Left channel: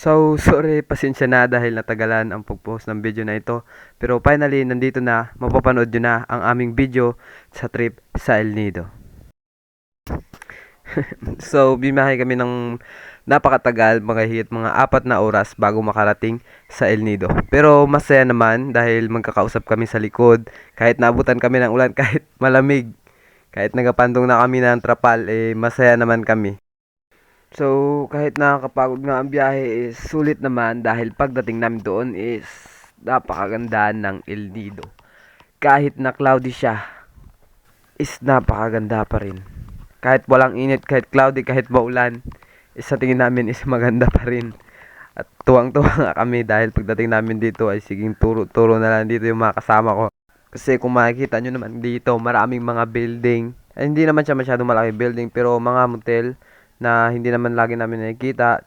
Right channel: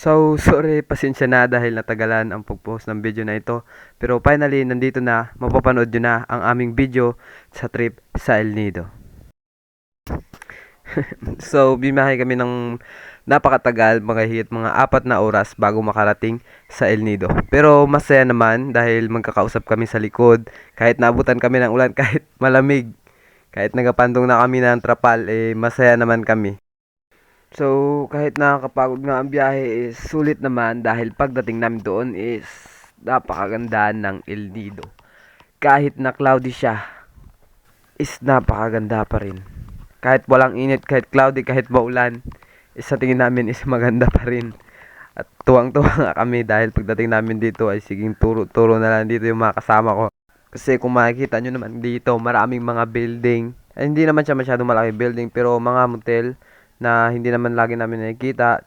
So, sorry, pasensya na dahil natagalan ang pag-post ng video na ito. Pero finally, nandito na, mapapanood nyo na ang aming video sa trip sa El Nido. So, bimahe kami ng napakatagal, mga 4 na oras bago makarating sa El Nido. Pero masaya naman dahil magkakausap kami sa likod. Kahit naabutan kami ng ulan, kahit malamig, kahit nagapandong na kami ng trapal, masaya naman kami. So, kahit nakakapagod nga ang biyahe, sulit naman dahil pagdating namin doon is napakaganda ng El Nido. Kahit na cloudy siya, is napakaganda pa rin. Kahit walang init, kahit cloudy, kahit maulan, sa tingin namin is maganda pa rin. At tuwang-tuwa nga kami dahil pagdating namin dito ay siging turo-turo na lang dito yung mga kasama ko. Kasi kung makikita nyo naman dito, maraming mga building. Ay, hindi naman siya masyadong malaki building, pero mga motel na hindi naman lagi namin nakikita.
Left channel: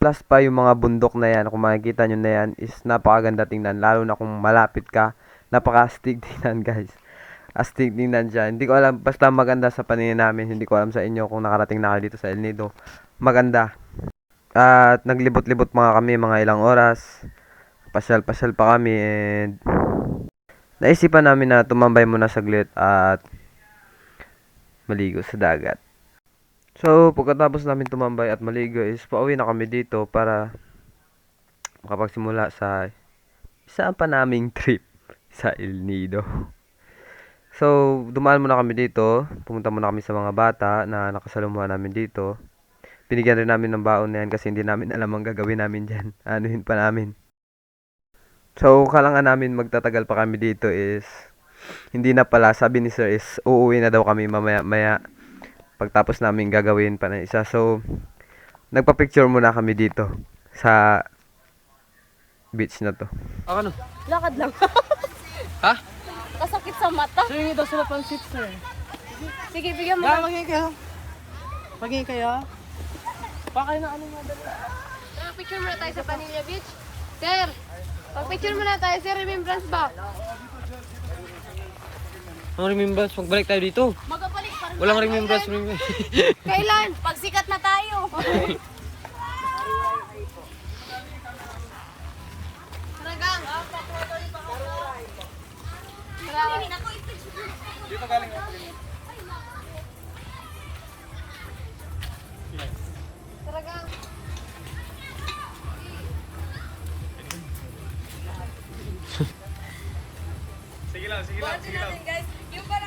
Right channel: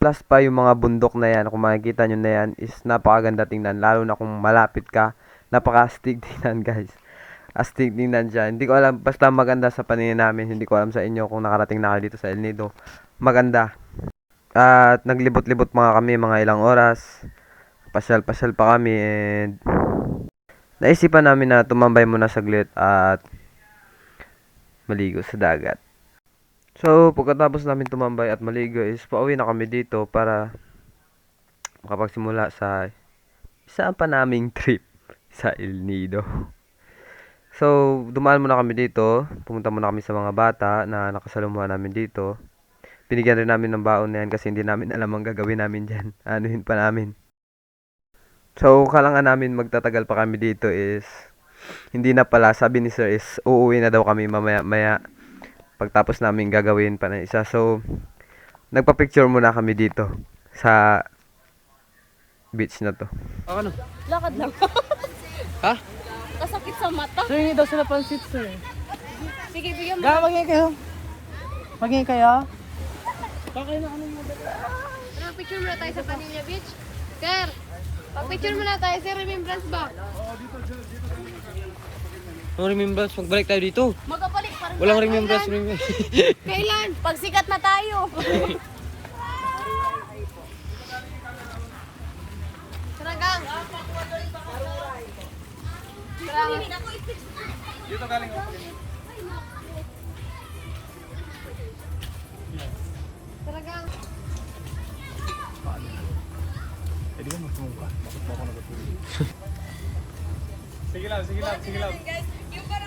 Plus pa yung mga bundok na yan, kung makikita nyo na yan, is napakaganda tingnan. Lalo na kung malapit ka, napaka-astig tingnan guys. Astig tingnan siya. Hindi ko alam, basta maganda sa paningin namin. Hindi ko alam sa inyo kung nakarating na kayo dito sa El Nido. Maganda. At naglibot-libot mga kami, mga ilang oras. Pasyal-pasyal pa kami and naisipan namin na tumambay muna saglit at maligo sa dagat. So, pagkatapos namin tumambay at maligo is pauwi na kami dito para makapagsimula sa isa pa naming trip sa El Nido. So, dumaan muna kami dito. Pumunta muna kami sa mga bata na nakasalumuhan namin dito. Binigyan rin namin ng baon na yan kasi hindi namin alam ang gagawin namin dyan. Anuhin pa namin. So, kailangan namin magtatagal pa kami dito is hindi na pala. Sabi ni sir is uuwi na daw kami mamaya-maya. Pagtapos namin gagawin pa na isa. So, nagpa-picture muna kami dito sa beach na to. Ano? Lakad lang. Ha? Kasakit sa mata. Hingi daw sila pansit, sir. Sige, bigyan mo. Magingin kayo. Magingin kayo. Pakain na ano mo. Picture muna tayo sa Paninyo Beach. Sir, pag-picture muna tayo, sir. Remembrance ba? Ang remembrance, pagbalik tayo dito. Magkapalik pa rin. Walang remembrance. Kailan? Pag sikat na tayo. Taragang. Dito galing ako. Taragang. Sige lang.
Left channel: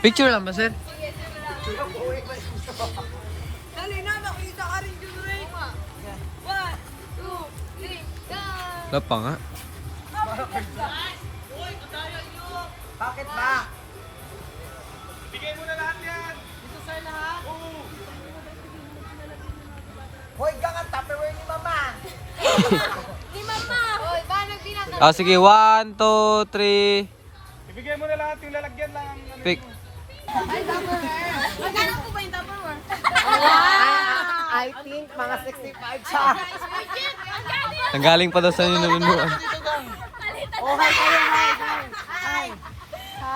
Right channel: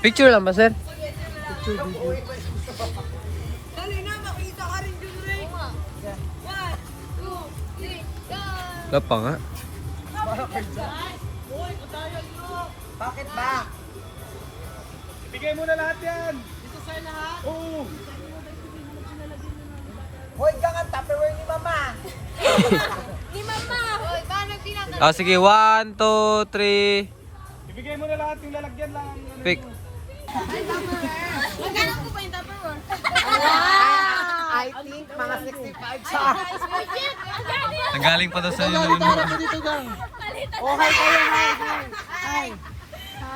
Picture lang ba, sir? Dali na, makita ka rin dyan rin. 1, 2, 3, go! Wala pa nga. Bakit ba? Bigay mo na lahat yan. Ito sa'yo lahat? Oo. Hoy, gang ang Tupperware ni Mama. Ni Mama! Hoy, paano ginagawa? Ah, sige. 1, 2, 3. Ibigay mo na lahat yung lalagyan lang. Pick. Magkano po ba yung Tupperware? I think mga 65 siya. Nanggaling pa daw sa ninunuan. Oh, hi kayo, hi.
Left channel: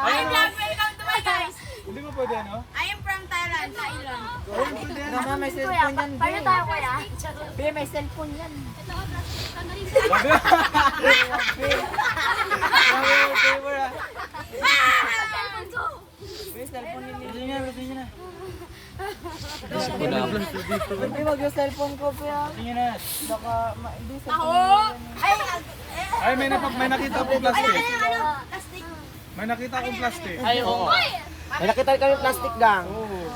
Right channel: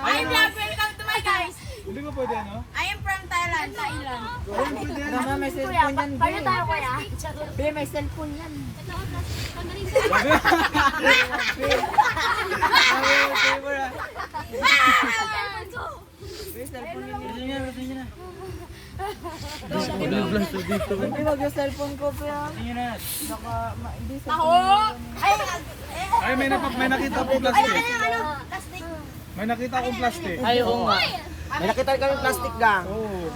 Hi vlog! Welcome to my guys! Hindi mo pwede ano? I am from Thailand. Mama, may cellphone yan. Paano tayo kuya? Be, may cellphone yan. Hindi, wag yung cellphone ko, Pia. Tingin na. Baka, hindi sa Ako! Ay, may nakita akong plastic. May nakita akong plastic. Oo. May nakita kami plastic gang. Oo.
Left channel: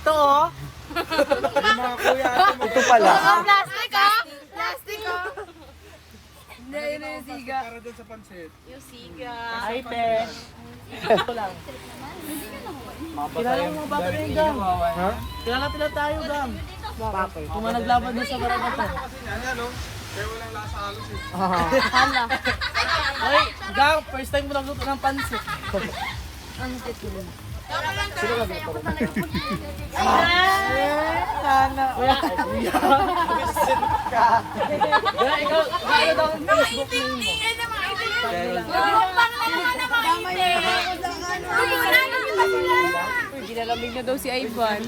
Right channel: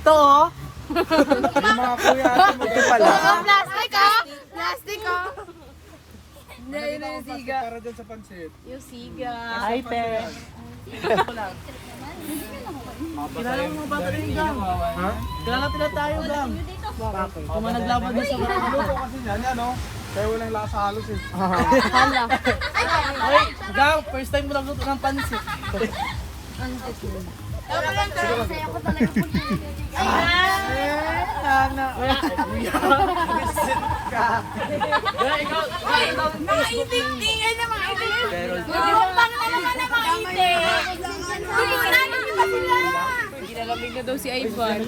Ito, oh. Yung mga kuya, ito pala. Plastic ah! Plastic ah! Hindi, yun yung siga. Para dyan sa pansit. Yung siga. Hi, Pe. Kilala tayo, gang. Bakit? Kung naglaban doon sa barangay. Kasi yan, ano? Kaya walang lasa halos eh. Hala. Hoy, gang, first time mo lang luto ng pansit. Sana. Nakaiting-tingin na mga itin. Lumupang na naman na mga itin. Lumupang na naman Kinalamig na daw si Ivan.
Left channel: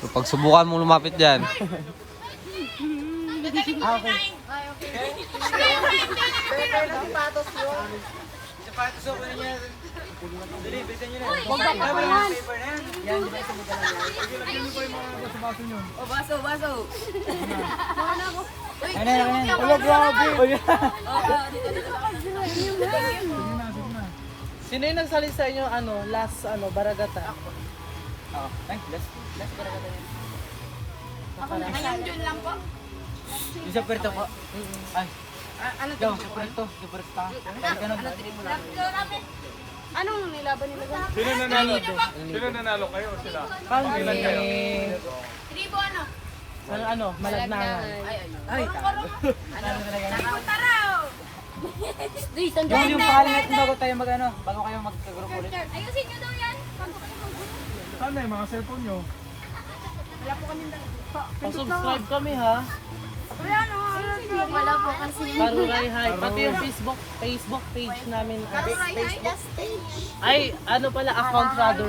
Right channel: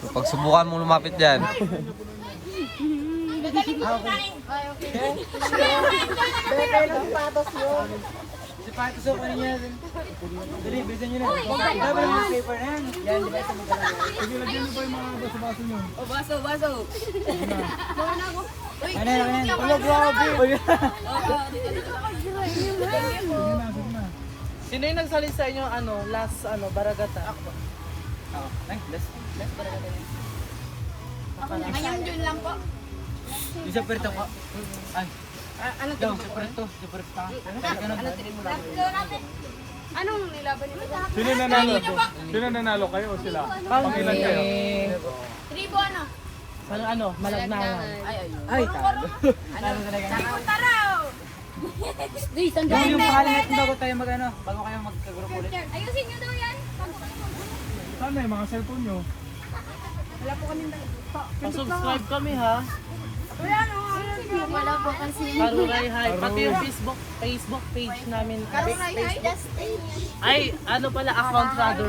So, pag subukan mo lumapit dyan. Sino yung nagsalit sa inyo, last, baragata? Ako. Ngayong June lang po. Isa perto ko. Ay. Ano to? Perto. Ano tribunal? Anong nilaban nila? Sino nanalo? Sino nanalo kayo o sila? Kami. Tribo ano? Malagnangan. Ay, talo. Talo talaga. Taraw! Dito, Yung pangalan natin bago kayo mag-group ulit. ayusin nyo daw yan. Sana yung mga cellphone nyo? Wala po kami dala. Subscribe kami ha. Wala po kasi. Karuray High. Pati yung Facebook page namin. Karuray High? Ay, pala, account father.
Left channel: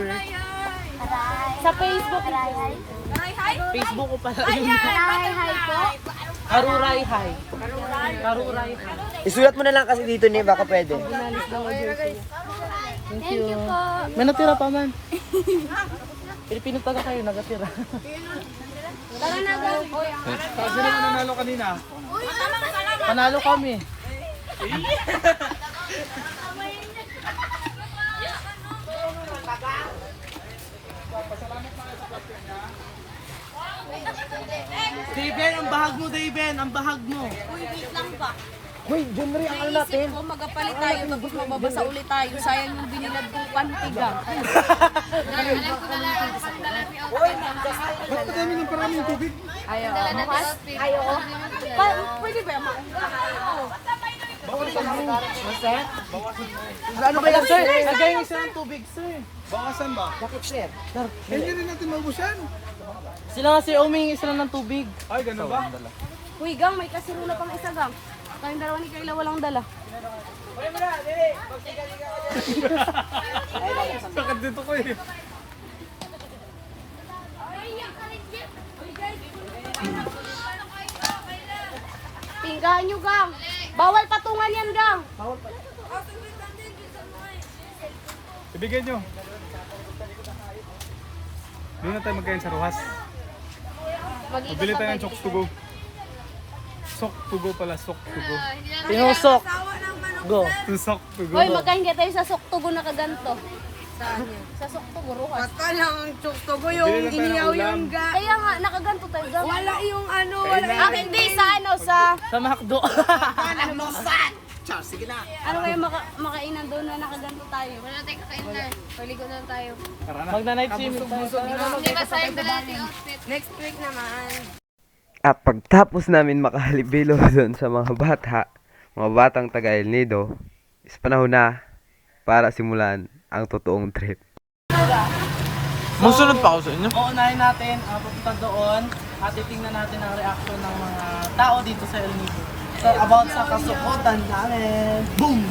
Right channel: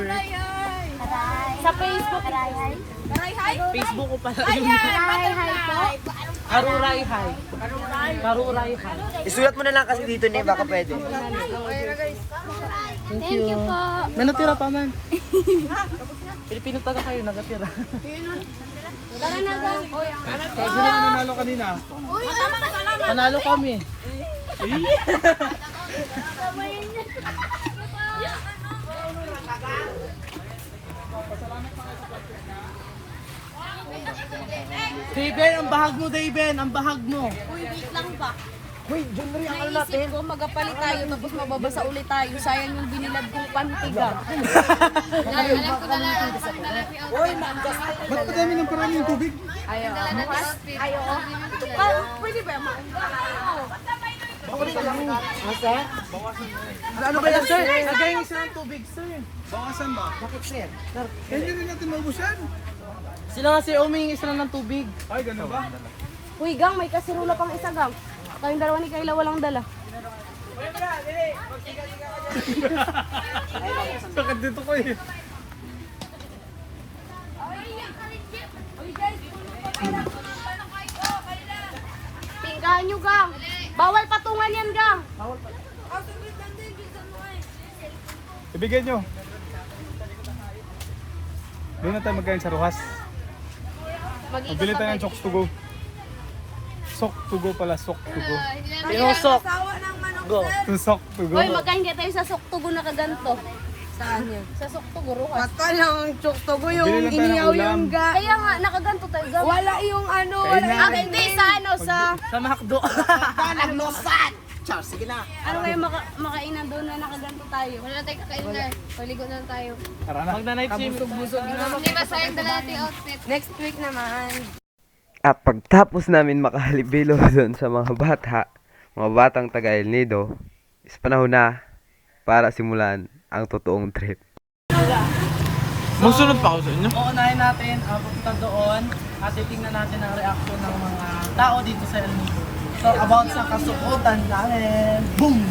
Sa Facebook. Karuray High? Facebook ko pala. Karuray High po? Karuray High. Karuray High. Isulat mo na lang kasi dito ni baka pwede. Thank you. May natira pa man. Pilipino taga kayo, nagatira. Sino na nanalo kanina? Panalo kami. Daven, ang bahag mo, Daven, ang bahag mo. Uy, wait lang ba? Uy, dyan rin ang Naisip ko, magapalit tayo tapos mababasa ulit tayo. Sayang yung binilad kong pantiga. Alam ko na lang ang pangdalapi outfit. Ba't kami ng parang yung tubig? Ayoko. Pwede ba? Ano ba yan, sir? Nagayang isa ng tubig, sir. Bakasan ba? Bakit, sir? Hindi rin natin maubusan. Sila nga, sir, umingi sila ng tubig. Ay, gano'n ba? Uy, Gang, may kasirula pang isa, Gang. Tayong dalawa ni Kayla walang dala. Sakit dito ko eh. Tingkahan nyo, Gang. Bawal patungan yan, Gang. Ibigay nyo. Doon na tayo magkain sa Rojas. Magbili tayo ng Chokes to go. Sok to go pala, sok to go. Pinusok. Go. Yung sok to go. Uy, magkahinga tayo sa Soktugo na kaganto. Saan yun? Sa Soktugo, Rojas. Yung Choktogo yung iniyaw yung ga. Kaya nga, nakaganto tayo, Gang. Wala yung ano, wala yung Hindi, sa Sa Macdo. Char, sige na. ano kayo makainan doon na nakaganto tayo? Wala na tayo kakain na. Paligo na lang tayo. Mag-night swim. Hindi masayang dala natin outfit. Next week naman. At pagtapos namin makahalibilo doon sa mga batang taga El Nido, is panahon na para simulan ang totoong trip. Musunod pa ako sa inyo. Uunahin natin, pupunta doon at titingnan natin ang reaction ng mga tao dito sa El Nido. So, about sa kasukutan namin. Boom!